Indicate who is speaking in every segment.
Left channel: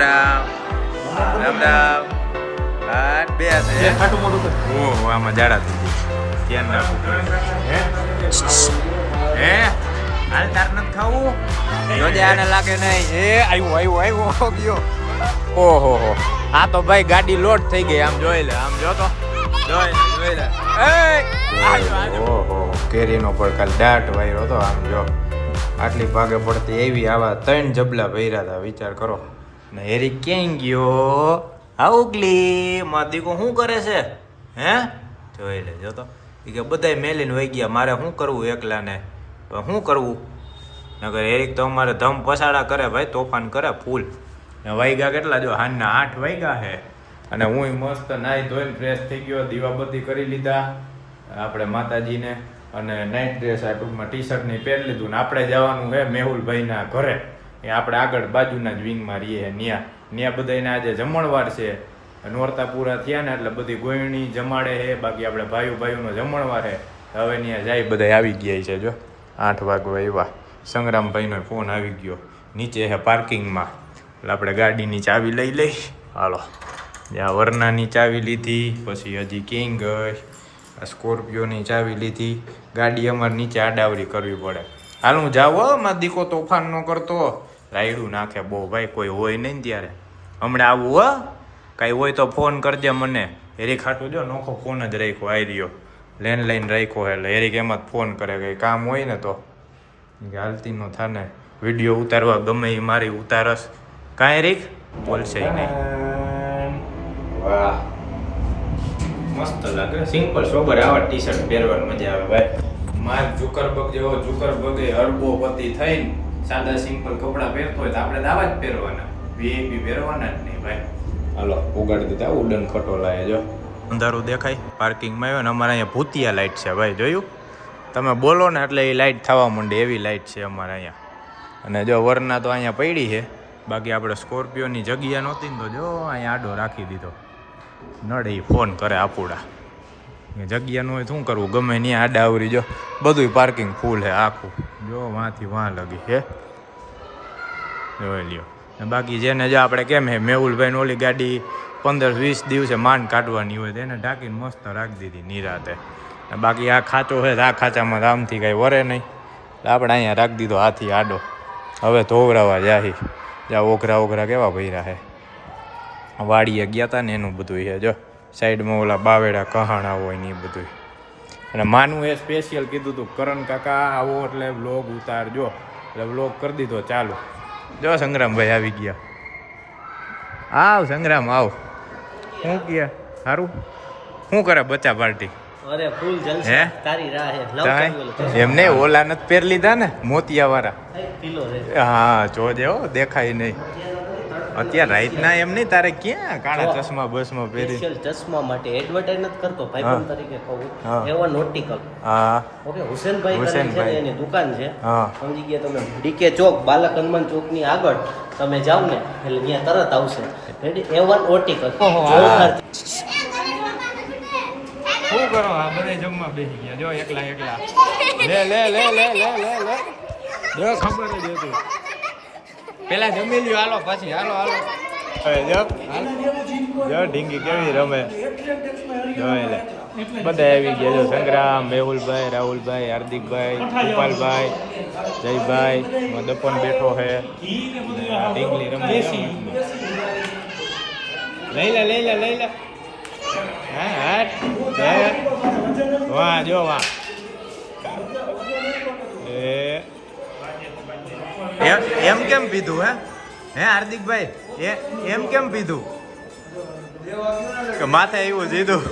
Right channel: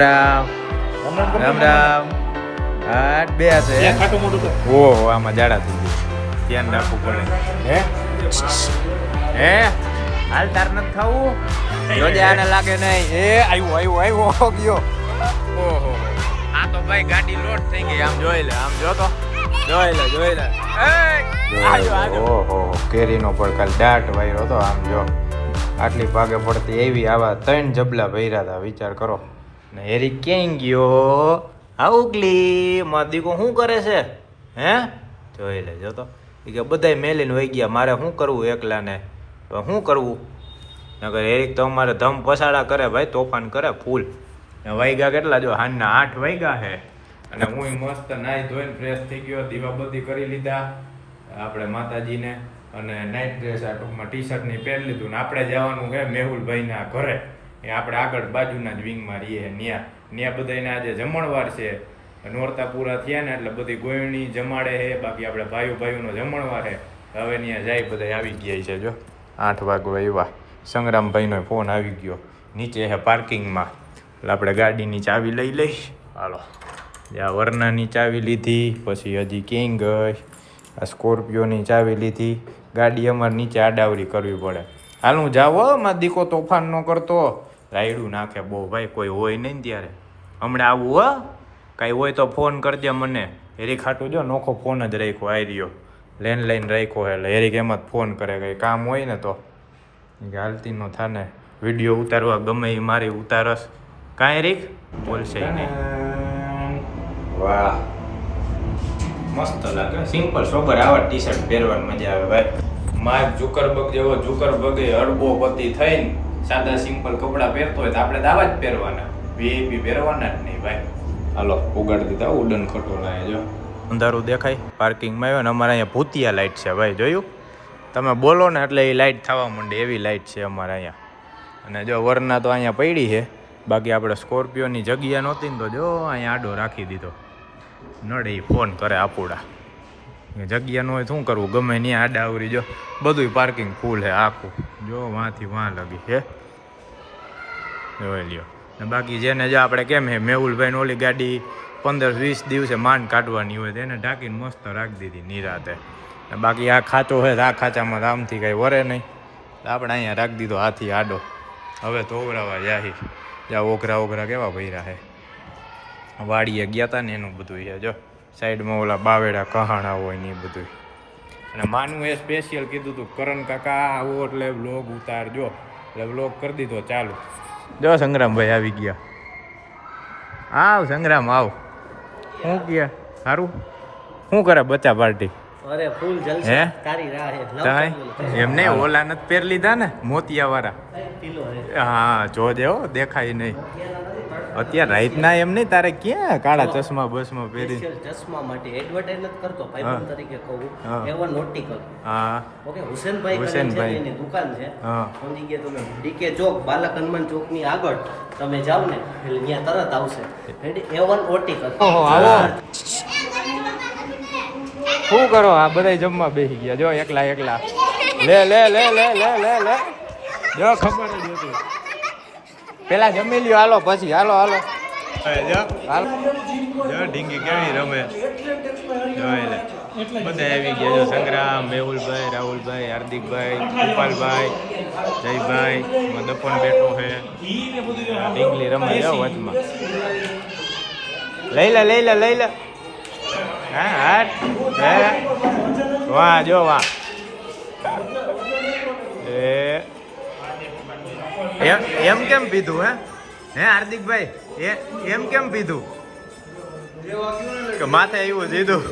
Speaker 1: રામ રામ રામ રામ આમાં જાડા થઈ ગઈ ધ્યાન રાખવું પડે. હે? હાલ તાર નથી ખાવું? જોજે આને લાગે નહીં. એ આવ્યો આવ્યો આવ્યો ગયો. ઓહો, હો. આ તો ભાઈ, ગાડી લોડ થઈ ગઈ. આમ જોઈ લે, આમ જો તો. જોઈ લે જોઈ લે. ઓહો કેરીનો પણ કાલ દાટ વાયરો હતો આમ જો. આટલી ભાગે પડતી એવી આવા ત્રણ જબલા ભર્યા હતા. વિચાર કરો. ને હેરી ક્યાંય ગયો આઉકલી મારો દીકો શું કરે છે? હે? જોઈ લે, જો તો. એ કે બધાય મેલીને વહી ગયા, મારે શું કરવું એકલાને? પણ શું કરવું? નગર એરિક તો અમારે ધમ પસાડા કરે ભાઈ, તોફાન કરે ફૂલ. ને વાઈગા કેટલા જો, હાનના આઠ વાઈગા છે અને હું મસ્ત નાહી ધોઈને ફ્રેશ થઈ ગયો, દીવાબત્તી કરી લીધા આપણે માતાજીને. અને નાઇટ ડ્રેસ આ ટૂંકમાં ટી શર્ટની પહેરી લીધું ને આપણે જવાનું છે મેહુલભાઈના ઘરે. એ આપણે આગળ બાજુના જ વિંગમાં રહીએ. ન્યા ન્યા બધાને આજે જમણવાર છે. નોરતા પૂરા થયા ને એટલે બધી ગોયણી જમાડે છે બાકી આપણે ભાઈઓ ભાઈઓનો જમણવાર છે હવે ત્યાં જાય બધા આવી ગયા છે જો. આઠ વાગવા આવ્યા સંગ્રામભાઈનો ફોન આવી ગયો. નીચે છે પાર્કિંગમાં. એટલે આપણે ગાડીની ચાવી લઈ લઈ હાલો. જ્યાં વરનાની ચાવી લીધી, પછી હજી કિંગ ગઈ. આ સ્કોર્પિયોની ચાવી લીધી. ગાડી અમારે નીચે આડાવરી કરવી પડે. હાલ હું જાઉં હો દીકો તોફાન ન કરતો. રાયડું નાખે. બહુ ભાઈ કોઈ હોય નહીં ત્યારે. હમણાં આવું હો. કાંઈ હોય તો ફોન કરજે મને. હેરી ખાટું જો નોખો ફોન જ રાખ્યો આવી રહ્યો. લેન્ડલાઈન રાખ્યો એટલે હેરીક એમાં જ ફોન કરે કંઈ કામ હોય ને તો. હાલતી નો થાને. વીડિયો ઉતારવા ગમે એ મારી ઉતારસ. કાંઈ રીક બોલશે નહીં. વાહ. મસ્ત લાગે. સિમ્પલ સોબર આવા ટી શર્ટ પહેરવાની મજા આવે ભાઈ. માર્ક ઝુકરબગ જેવો ઝુકરબગે અડબો પતિ થઈને સાદા સિમ્પલ કપડાં પહેરતો હોય તો આપણે દાવા જ પહેરવાના. વીઆઈપી પહેરવાના જ નહીં ભાઈ. હાલો ઉગાડી દીધા ઉડન ખટોલા જો. અંધારું દેખાય પાર્કિંગમાં આવ્યો ને અમારે અહીંયા ભૂતિયા લાઇટ છે ભાઈ જોયું? તમે બોલો ને એટલે એ લાઇટ થવા માંડે એવી લાઇટ છે અમારે અહીંયા. અને જો વરના તો અહીંયા પડી છે. બાકી આપણે સ્કોર્પિયોની જગ્યા નહોતી ને તો જો અહીંયા આડો રાખી દીધો. નડે એ ફોન કરે આપુડા. જગ્યા ન હોય શું કરવું? ગમે નહીં આડા આવરી જો. બધું પાર્કિંગ ફૂલ છે આખું. જો વાંથી વાં લગી હે. જોઈ લ્યો. ને બાકી જેને જો આપણે કેમ હે, મેહુલભાઈને ઓલી ગાડી પંદર વીસ દિવસે માંડ કાઢવાની હોય તેને ઢાંકીને મસ્ત રાખી દીધી નિરાતે. ને બાકી આ ખાચો છે આ ખાચામાં રામથી કાંઈ વરે નહીં. આપણે અહીંયા રાખી દીધો હાથી આડો. હવે ધોવરાવા જાહી. જ્યાં ઓઘરા ઓઘરા કેવા ભર્યા છે વાડીએ ગયા હતા ને એનું બધું છે જો. સાઈડમાં ઓલા બાવેડા કહાણા હોય ને એ બધું અને માનું એ સ્પેશિયલ કીધું હતું કરણ કાકા આવો એટલે બ્લોગ ઉતારજો. એટલે વ્લોગ કરી દીધો ચાલુ. જો સંગ્રામભાઈ આવી ગયા. આવ સંગ્રામ આવ. શું ગયા સારું શું કરે બચ્ચા પાર્ટી?
Speaker 2: અરે ફૂલ
Speaker 1: હે?
Speaker 2: જલસા તારી રાહ હે.
Speaker 1: એમને ઓલા નથી પહેર લીધા ને? મોતિયા વાળા
Speaker 2: હા.
Speaker 1: જોજે હો દેખાય નહીં. અત્યારે રાઈતના એમ નહીં તારે ક્યાં કાળા ચશ્મા બસમાં પહેરી?
Speaker 2: ચશ્મા માટે એડવર્ટાઇઝ નથી કરતો. ભાઈ તરીકે કહું
Speaker 1: એવા
Speaker 2: એવન નોટિકલ
Speaker 1: હા.
Speaker 2: ઓકે હુસેનભાઈ
Speaker 1: હુસેનભાઈ.
Speaker 2: એની દુકાન છે.
Speaker 1: હા.
Speaker 2: સમજી ગયા તમે ડીકે ચોક બાલક હનુમાન ચોકની આગળ. તમે જાવ ને એટલે ત્યાં તરત આવશે. એવન ઓર્ટિકલ
Speaker 1: શું કરો? આ બધા જમવા બેસી ગયા. જો એકલા એકલા. લે લે લે લે લે લે લે. જો ખબર જ હતી. પેલા જમી લ્યો, હાલો, પછી, હાલો હાલો. જો. જો, ઢીંગી કેવી રમે. જોઈ બધા આવી ગયા જો, સંગ્રામ, મેહુલભાઈ, રાહુલભાઈ, હાર્દિકભાઈ, ગોપાલભાઈ, જયભાઈ દપન બેઠો છે ઢીંગલી રમે છે વચમાં. લઈ લે લઈ લે લઈ લે. હા હા વાહ, જો, વાહ. એ. એમ એમ કેમ પીધું હે? હે હાર્દિકભાઈ? એ એમ કેમ પીધું? કે માથે એવું દીધું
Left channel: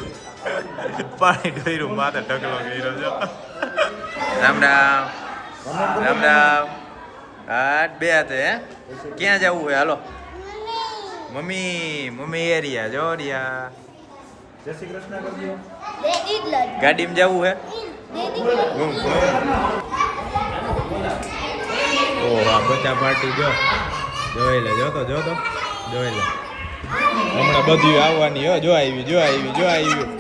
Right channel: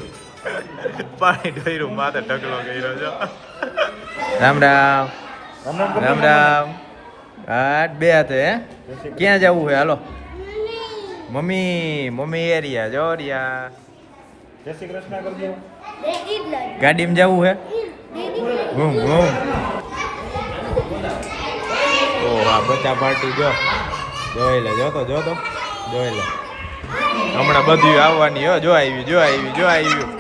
Speaker 1: પાણી ઢોયરું માથે ઢગલો કર્યો છો. રામ રામ. રામ રામ. આઠ બે હાથે હે? ક્યાં જવું છે હાલો. મમ્મી મમ્મી એરિયા જો રિયા ગાડીમાં જવું હે ઓહ આ પાર્ટી જો. જોઈ લે જો તો લે. હમણાં બધું આવવાની હો જો આવ્યું જો આવ્યું જો આવ્યું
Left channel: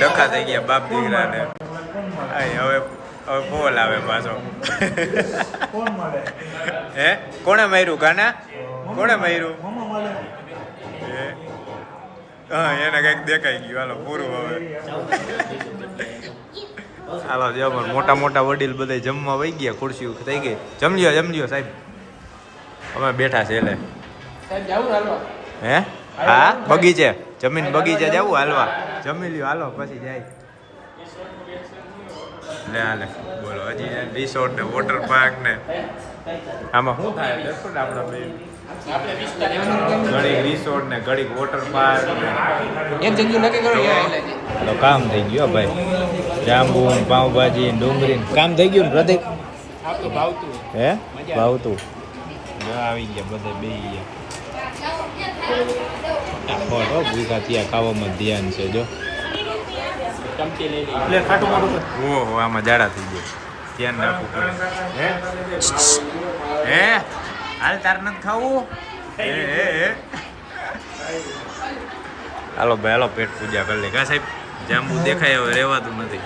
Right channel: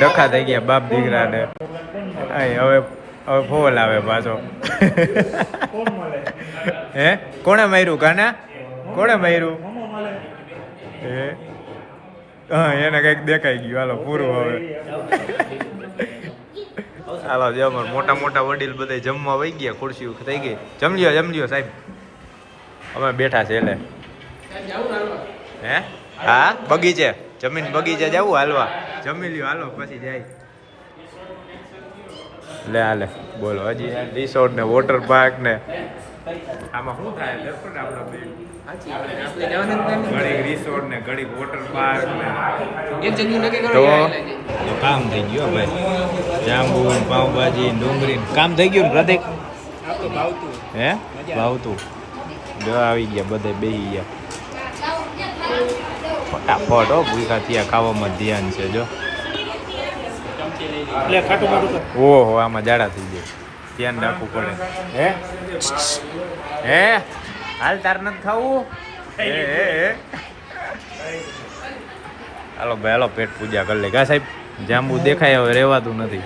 Speaker 1: ડખા થઈ ગયા બાપ દીકરાને. એય, હવે હવે ફોલ આવે પાછો. હે? કોણે માર્યું કાના? કોણે માર્યું? હા એને કંઈક દેખાઈ ગયું. હાલો પૂરું હવે. હાલો જો અમાર મોટા મોટા વડીલ બધા જમવા વહી ગયા ખુરશી થઈ ગઈ. જમલ્યો જમલ્યો સાહેબ. અમે બેઠા છે એટલે. હે? હા? બગીચે? જમીન બગીચે જવું હાલવા? જમી લ્યો હાલો પછી જાય. લે હાલે. બોલો હજી રિસોર્ટ ને વોટર પાર્ક ને. આમાં શું થાય? દર્શન આપણા ઘડીક રિસોર્ટ ને ઘડીક વોટર પાર્ક
Speaker 3: એક નક્કી કરો
Speaker 1: કામ થઈ ગયો ભાઈ. જાંબુ પાઉંભાજી ડુંગળી. કામ થઈ ગયું ને પ્રતિક?
Speaker 3: ભાવતું.
Speaker 1: હે? ભાવતું. જો આવી ગયા બધે બે ગયા. ફટાફટ હો ભૂખા થયા ખાવામાં ધ્યાન છે જો. ઓહો આમાં જાડા થઈ ગયા. ધ્યાન રાખવું પડે. હે? હે? હાલ તાર નથી ખાવું? હે હે હે? હાલો ભાઈ હાલો પેટ પૂજા કરી લે. કા સાહેબ? જાંબુ દેખાય હવે રહેવાતું નથી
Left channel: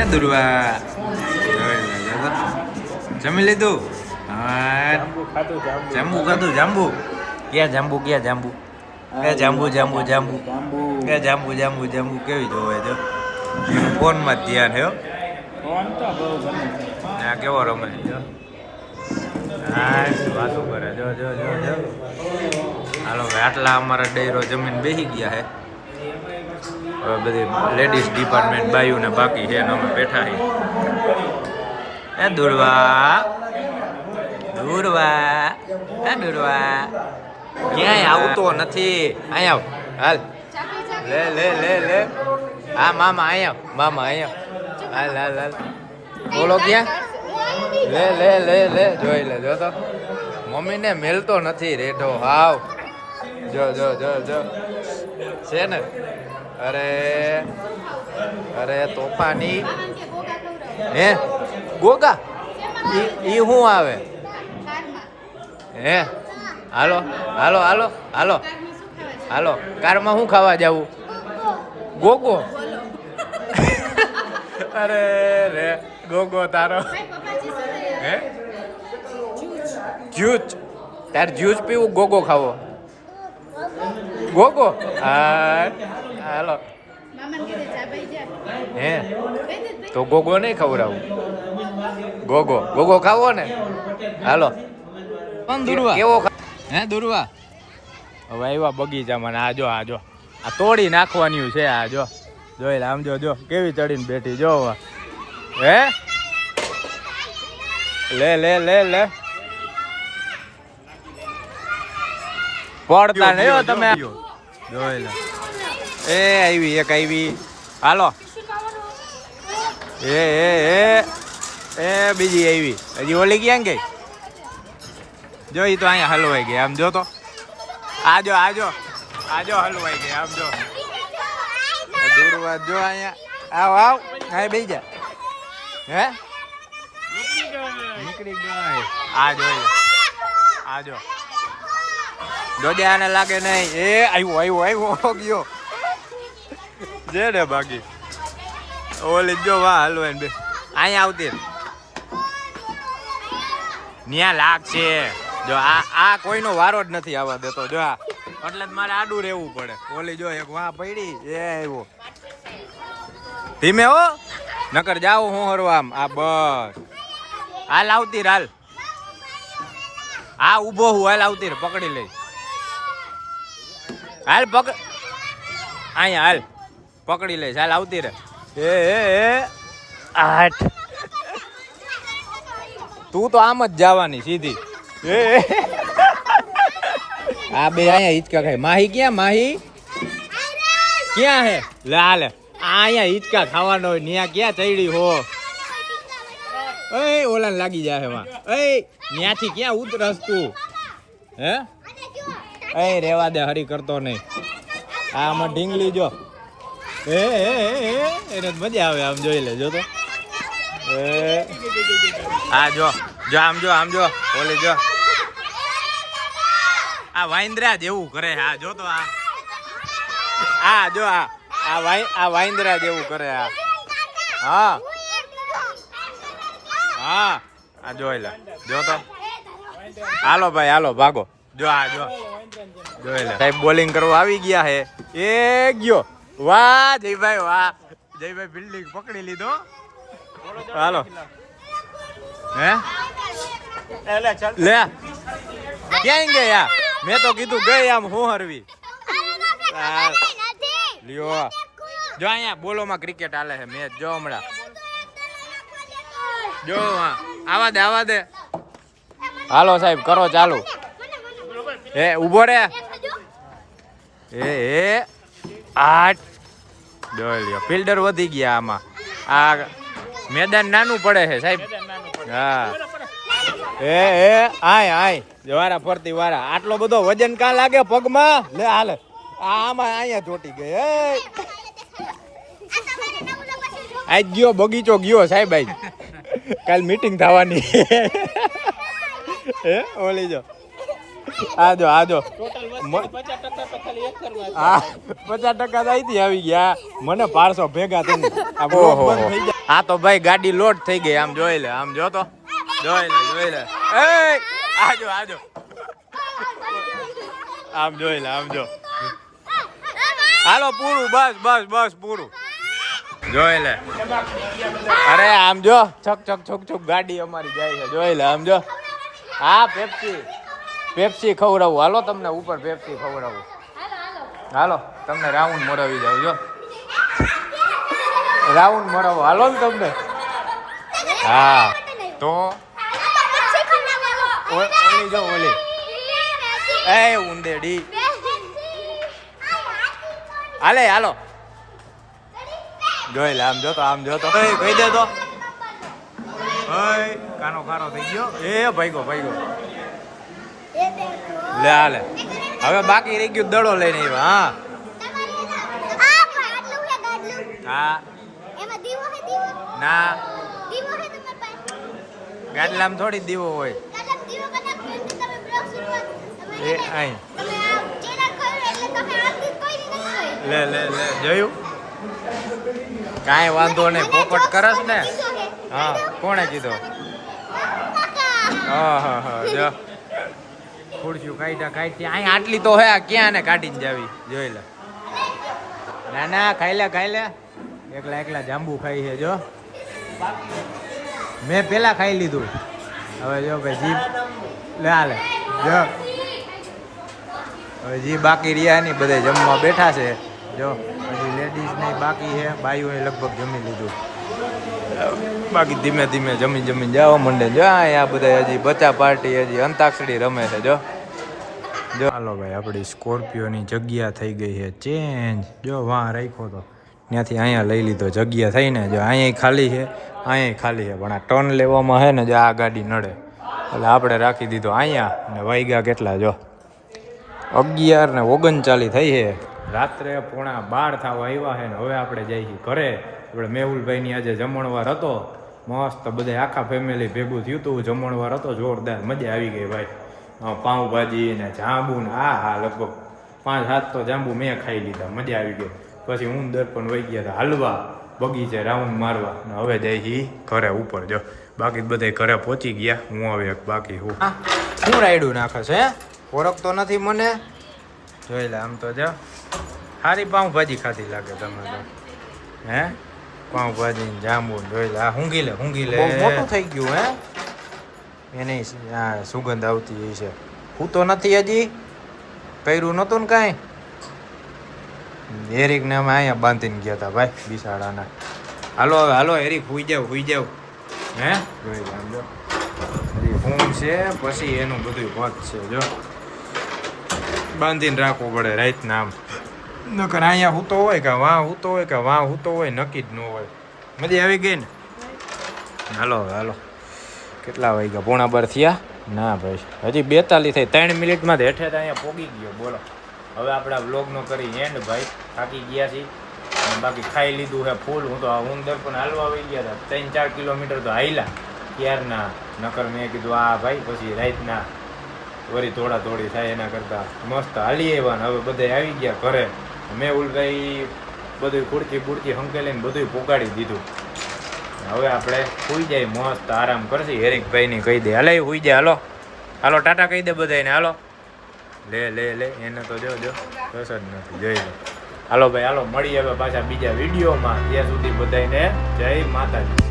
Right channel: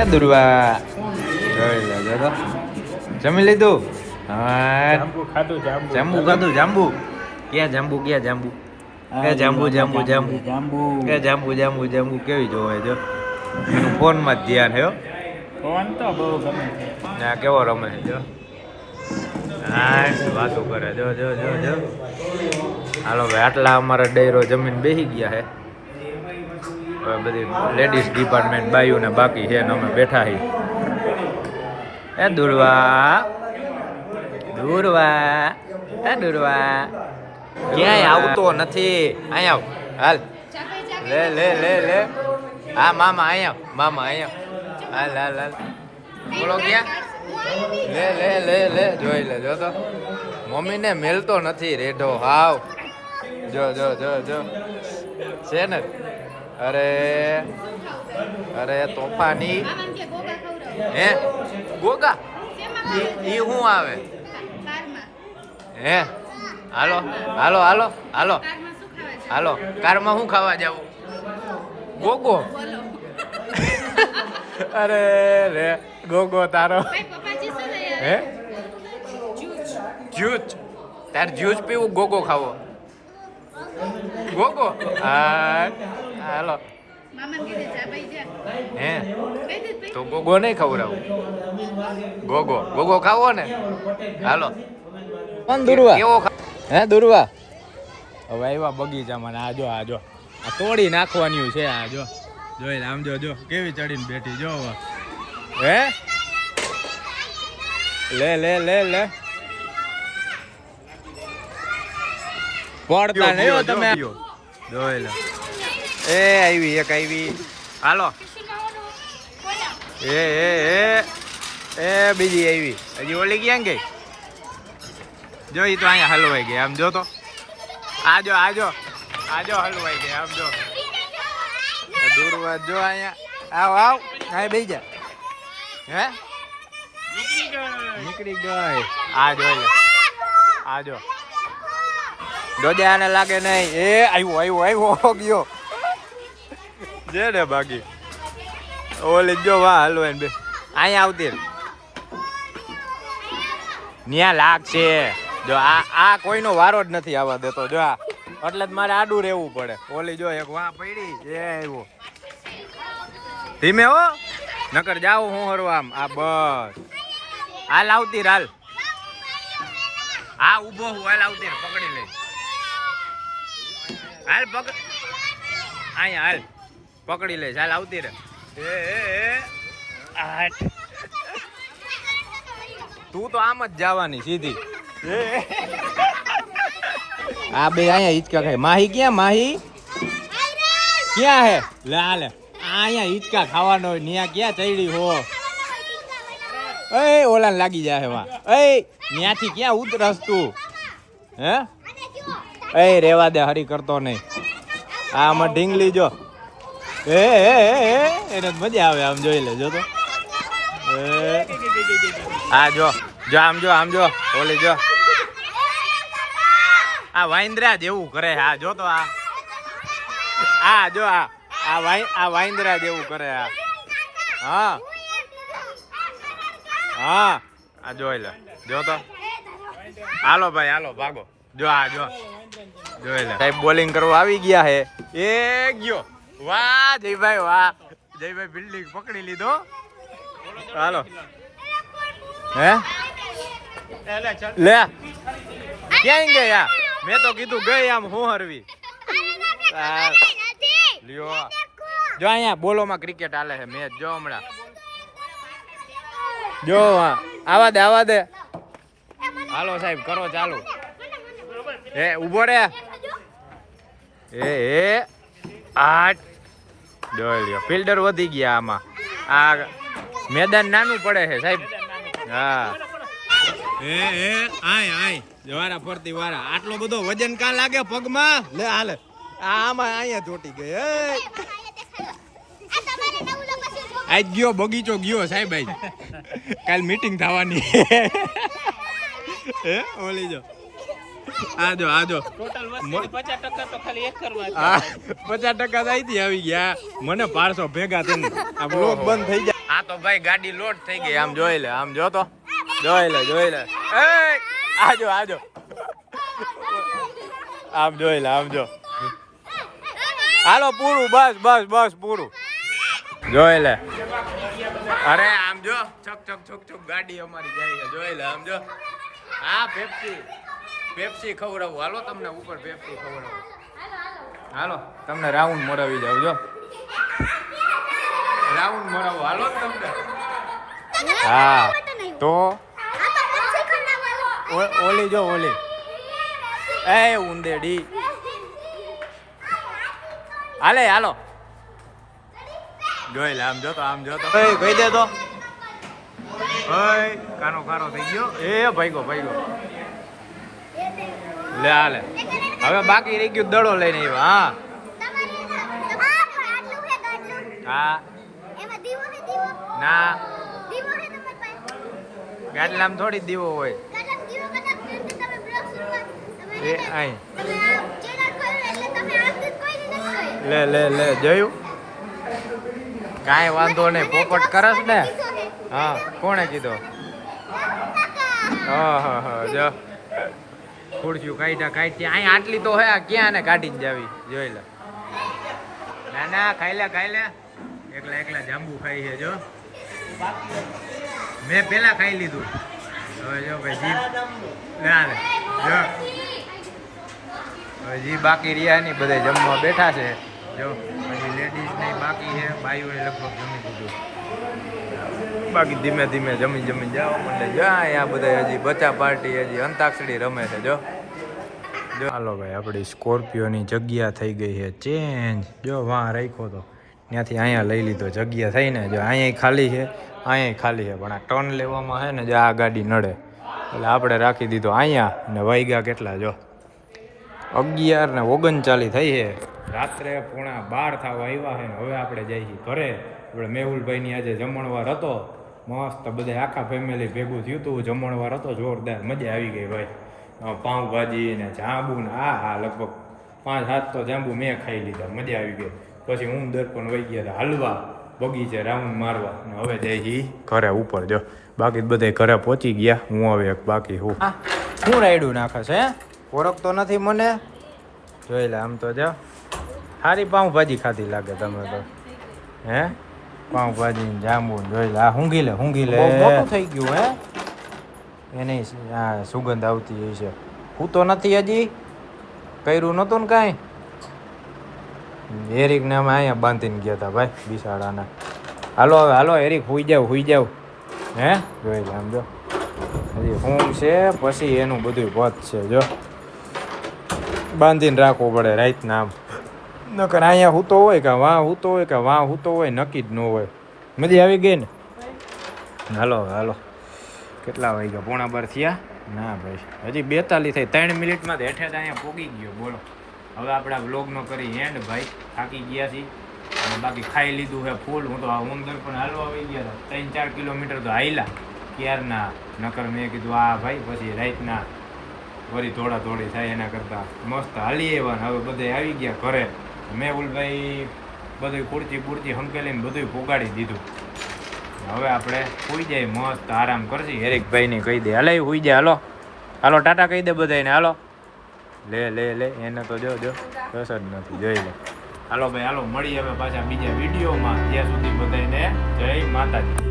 Speaker 1: હે દુર્વા? જોઈ લે તો જમી લીધું? હા
Speaker 4: જાંબુ.
Speaker 1: ખાધું જાંબુ. ક્યાં જાંબુ ક્યાં જાંબુ? કે જાંબુ જાંબુ જાંબુ કે જાંબુ જાંબુ. જાંબુ કેવી જોવે જો એનું ફોનમાં જ ધ્યાન હે ના કેવો રમે જો. હા વાતો કરે જો જો જો જો. હાલો ભાઈ આટલા અમારા ડેરો જમીન બેસી ગયા હે. બધી લેડીઝ ડિપાર્ટમેન્ટ બાયું ને બાકી છે ને અમે બેઠા છીએ. એ દુર્વા. દુર્વા. એ દુર્વા. ક્યાંય આવતો નથી. અહીંયા હાલ. લે લે લે લે. હા, મામા અહીંયા મામા અહીંયા. હાલ હાલ હાલ. બોલો ક્યાં? લે લે લે લે. જોઈ લે, જો તો. મમ્મીને મેલતો નથી રેઢો. હાવ. જો જો જો જો. છે ને? અરે અરે તોફાની હે? ગોગા? એ શું આવે? હે? હાલો હાલો હાલો હાલો. હાલો, કારમાં શું ખાવા જવું ગોગો? અરે રે, ગોગો તારો. હે? જ્યુસ તાર જ્યુસ પીવું, ગોગો ખાવો. ગોગો? હા. હાલો. હે? તો ગોગો નહીં ખવડાવું. ગોગો ગોગો ખાવો ને? હાલો.
Speaker 3: કોણ દુર્વા?
Speaker 1: કેવો હે દુર્વા? હવે આવ્યા બગીચામાં આ જો આ જો. આ તોડી નાખવાની છે આ જો. જોઈ લે, આમ જો જો. કેવી ચડીને બેઠી જો હે? લે લે લે લે. પડતા નહીં તમે. જોઈ લે. એ આવી એક આવી હાલો. એ એ એ. એ, બીજી આવી હજી ઓલી ક્યાં ગઈ જો એ તો અહીંયા હલવાઈ ગઈ આમ જો તો. આજો આજો આજો હલવાઈ ગઈ આમ જો. દૂરવાદ જો અહીંયા. આવ આવ. હા બેસી જા. હે? નીકળી ગઈ. આ જોઈ લે આ જો. જોજે આને લાગે નહીં. એ આવ્યો આવ્યો આવ્યો ગયો. જે ને બાકી? ઓલી જો વાહ હલવાઈ બે. અહીંયા આવતી ન્યા લાગશે જો આ આ કોઈનો વારો જ નથી આવવા દેતો. જો આ. એટલે જ મારે આડું રહેવું પડે. ઓલી જો એક વાહ પડી, એ આવ્યો. ધીમે હો. નકર જાવ હું હરવા આ બસ. હાલ આવતી હાલ. હા, ઊભો હું. હાલ આવતી પકડી લઈ. હાલ પકડ અહીંયા હાલ. પકડી લે ચાલ આવતી રે એ એ એ. આઠ. તું તો આમ જ જવાની સીધી. આ બે અહીંયા હિચકા ખાય. માહી ક્યાં માહી? ક્યાં હે? લે આ આ અહીંયા હિચકા ખાવાનો હોય ન્યા ક્યાં ચડી હો? એ ઓલા લાગી જાય વા એ ન્યાથી ક્યાં ઉતરસ તું? હે? એ રેવા દે હરી કરતો નહીં. આ આમાં ઢીંગલી જો. એ એને મજા આવે, આમ જોઈ લે જો તો આ જો જો, આમ જો આમ જો, ઓલી જો. આ વાંદરા જેવું કરે, હા, જો તો આ. આ જો, આ આ વાઈ આ વાંદરા જેવું કરે, આ. હા. હા, આ જોઈ લે, જો તો. હાલો ભાઈ, હાલો, ભાગો. જો, આ, જો. જોઈ લે. સાહેબ, બોલિંગ કરવા આવી ગયા હે. એ ગયો. વાહ, જયભાઈ વાહ. જયભાઈ બિલ્ડિંગ પકડી લીધો. હાલો. હે? લે. ક્યાં ગયા? મેં તો કીધું ગઈ આમ હું હરવી. લ્યો. જો અહીંયા બોલોમાં ક્રિકેટ હાલે છે, મેચ જો હમણાં. જો આવા દે આવા દે. હાલો સાહેબ, કરો ચાલુ. એ ઊભો રે. એ એ. આઠ. જોઈ લ્યો. ફિલ્ડર વધી ગયા આમાં. આ મેદાન નાનું પડે છે, સાહેબ. હા. એ એ, આય આય. વારા ફરતી વારા. આટલો બધો વજન કા લાગે પગમાં? લે, હાલે. આમાં અહીંયા ચોટી ગઈ. આજ ગયો, બગીચો ગયો, સાહેબ આજ. કાલ મીટિંગ થવાની. હે ઓલી જો. આ જો આ જો. મ-
Speaker 3: પચાસ ટકા તો
Speaker 1: અહીંથી આવી ગયા. મને પારસો ભેગા થઈને આ બ્લોક બંધ થઈ જાય. આ તો ભાઈ ગાડી લોડ થઈ ગઈ આમ જોઈ લે આમ જો તો. જોઈ લે જોઈ લે. એ આજો આજો આમ જોઈ લે આમ જો. હાલો પૂરું બસ બસ બસ પૂરું. જોઈ લે. અરે આમ જો છક છક છક છક ગાડી અમારી જાય છે. જોઈ લે આમ જો. હા પેપ્સી પેપ્સી ખવડાવું. હાલો તમને ઉપર પેપ્સી ખવડાવું. હાલો તમને રાઉન્ડ મોરાવી જાવ જો. રાઉન્ડ મોરાવો. હાલો ને તમને. હા તો ઓલી જો ઓલી. એ ઉંદેડી. હાલે હાલો. જોઈ લે આમ જો તો આમ જો તો. એ કહી દે તો. કાનો કારો થઈ ગયો. એ ભાઈગો ભાઈગો લે હાલે હવે બાકી રહી ગયું દડો લઈને આવ્યા હા. હા. ના. ગાડલામાં થોડી દીવો હોય. એ અહીં. લે લે લે જોયું. કાંઈ વાંધો નહીં પોપટ કરસ ને. હા કોણે કીધો? હા હા હા જો. ખુરશીઓ કાઢ્યા કાઢી અહીં આટલી તો હે ક્યાં ને કાઢીને જાવી? જોઈ લે. ના ના ખાઈ લે ખાઈ લે. એકલા એકલા જાંબુ ખાઈ છે, જો. મેં પેલા ખાઈ લીધું. હવે જો ભાઈ જી લે જો. હવે જી બાકી રહ્યા ને બધા જમવા બેઠા છે. જો પછી લેડીઝ ને બાકી છે. બાઈઓએ લગભગ જમી લીધું. બાકી ધીમે ધીમે જમી જમી જાઓ, મંડે જો આ બધા હજી બચા પાર્ટી, હજી અંતાક્ષરી રમે છે, જો. જો. હાલો ભાઈ, આપણી સ્કોર્પિયોની જગ્યા થઈ ગઈ છે, ચેન્જ. જો વાં રાખ્યો તો. ત્યાંથી અહીંયા લઈ લીધો, જગ્યા થઈને જો અહીંયા ખાલી છે અહીંયા ખાલી છે. પણ આ ટર્ન લેવામાં છે ને, જો, આ ગાડી નડે. એટલે આપણે રાખી દીધો અહીંયા, ને વાગ્યા કેટલા, જો. અગિયાર ને ઓગણચાલીસ થઈ છે. રાત્રે પોણા બાર થવા આવ્યા ને હવે આપણે જઈએ ઘરે. આપણે મેહુલભાઈની આજે જમણવાર હતો. મસ્ત બધા આખા ફેમિલી ભેગું થયું હતું જમણવાર હતો, જોરદાર મજા આવી ગઈ ભાઈ. પાઉંભાજી ને જાંબુ ને આ હા, લગભગ પાંચ, સાત તો જાંબુ મેં ખાઈ લીધા, મજા આવી ગઈ. પછી હું દર્પણ વહી ગયા હતા હાલવા, બગીચે રાઉન્ડ મારવા. ને હવે જઈ ઘરે ઉપર, જો. બાકી બધા ઘરે પહોંચી ગયા. હું હવે બાકી હું, શું રાયડું નાખે છે? ઓળખતો નથી મને. જોઈ લે, આમ તો જો. સારી પાઉંભાજી ખાધી લાગે તમે તો. હે? પાઉંભાજી જાંબુ જોઈ લે. આ હુંગી લે હુંગી લે. મોટું થઈ ગયું હે? એની આ સુગંધ આવતી હોય છે. હું તો નથી હજી. કર્યું નહોતું ને કાંઈ? એરિક ને અમે અહીંયા બાંધીને ગયા હતા ભાઈ બિસાડાના. હાલો હવે હાલો એરિક હુઈ જાવ હુઈ જાવ. હે? જોઈ લે આમ જો. હજી હું છે પછી એનું બધું પદ છે જો. બાંધીને રાખવું પડે રાતના આમ. નકર અહીંયા હૂતો હોય કે વાં હૂતો હોય કે વાં હૂતો હોય, નક્કી જ ન હોય. મીડી આવી ગઈ ને? હાલો હાલો. કેટલા વાગ્યા? પોણા બાર થયા? ના ભાઈ, હજી બેતાલીસ થઈ, ત્રણ મિનિટમાં જ હેઠે અહીંયા પોગી ગયો, બોલો. હવે આપણે વ્લોગનો કરી એન્ડ ભાઈ. થાકી ગયા છીએ. બાકી ખાઈ લીધું છે ફૂલ. હું તો આ ઉંદર પણ હાલવા આવી ગયા હતા. ત્રણ ચાર કિલોમીટર તો હાઈલા ક્યારના? નકર મેં કીધું, આ ભાઈ, પછી રાતના વળી થોડા થોડી થાય એના કરતાં મસ્ત હાલી આવ્યા હવે બધા આવી ગયા ઘરે. મેં ઉલભાઈ બધું કુર્તી બુરતી હંકેલીને બધું પોગાડી દીધું. હવે આપણે સુઈ જાય, મસ્ત આરામ કરશે. હેરિકભાઈને કહી દે, હાલે સુઈ જાય હાલો. હાલો, ટાટા કહી દે બધાને હાલો. લે લે લે, એને તો જો જો. બસ જ નથી, જોઈ લે. હાલો ભાઈ, હાલો મળી હવે પાછા બીજા વિડીયોમાં. ત્યાં સુધી બધાને જય માતાજી.